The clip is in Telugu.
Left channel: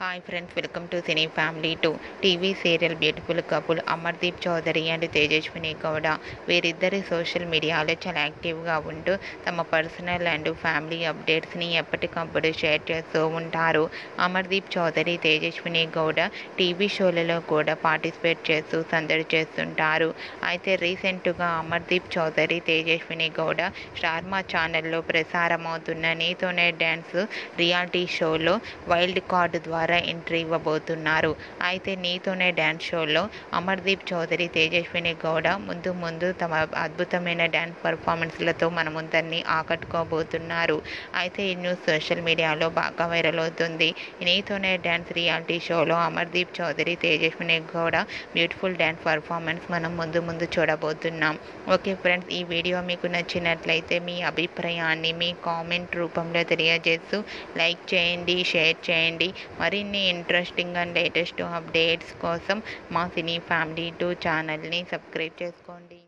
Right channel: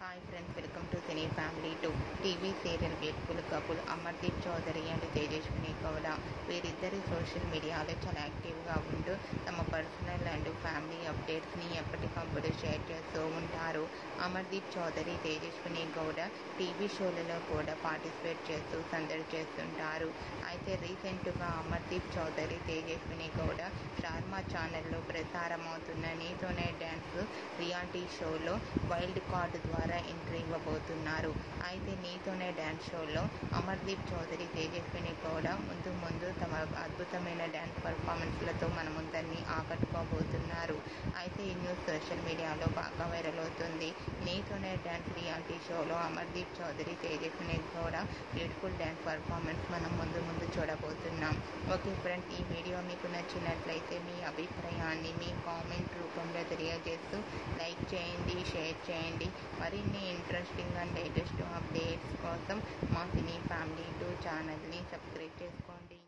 Hi friends, welcome to cine family 2. TV serial beautiful couple Amardeep Chowdary and Tejaswini Gowda వీరిద్దరి సోషల్ మీడియాలో చాలా యాక్టివ్గా ఉంటూ తమ పర్సనల్ అండ్ ఫ్యామిలీ అప్డేట్స్ని ఎప్పటికప్పుడు షేర్ చేస్తూ ఉంటారు. అమర్దీప్ చౌదరి, తేజస్విని గౌడ టీవీ షోలలో కూడా పార్టిసిపేట్ చేస్తూ సందడి చేస్తుంటారు. అయితే రీసెంట్గా అమర్దీప్ చౌదరి, తేజస్విని గౌడ స్టార్మా ఛానల్లో ప్రసారమవుతున్న నీతోనే డ్యాన్స్ రియాలిటీ షోలో వైల్డ్ కార్డు ద్వారా ఎంట్రీ ఇవ్వబోతున్నారు. అయితే నీతోనే డ్యాన్స్ షోలో అమర్దీప్ చౌదరి, తేజస్విని గౌడ ముందు తమ అద్భుతమైన డ్యాన్స్ పర్ఫార్మెన్స్లతో మన ముందరిని ఆకట్టుకోబోతున్నారు. అయితే ఈ న్యూస్ సోషల్ మీడియాలో బాగా వైరల్ అవుతుంది. నీతోనే డ్యాన్స్ రియాలిటీ షోలో Amardeep Chowdary, Tejaswini Gowda beautiful dance performance మనం ముందు చూడబోతున్నాం. ఓకే ఫ్రెండ్స్, ఈ వీడియో మీకు నచ్చినట్లయితే మీ అభిప్రాయాన్ని మీ కామెంట్ రూపంలో తెలియజేస్తూ లైక్ చేయండి, షేర్ చేయండి. మరిన్ని ఇంట్రెస్టింగ్ అండ్ లేటెస్ట్ అప్డేట్స్ కోసం మా సినీ ఫ్యామిలీ 2 ఛానల్ని సబ్స్క్రైబ్ చేసుకోండి.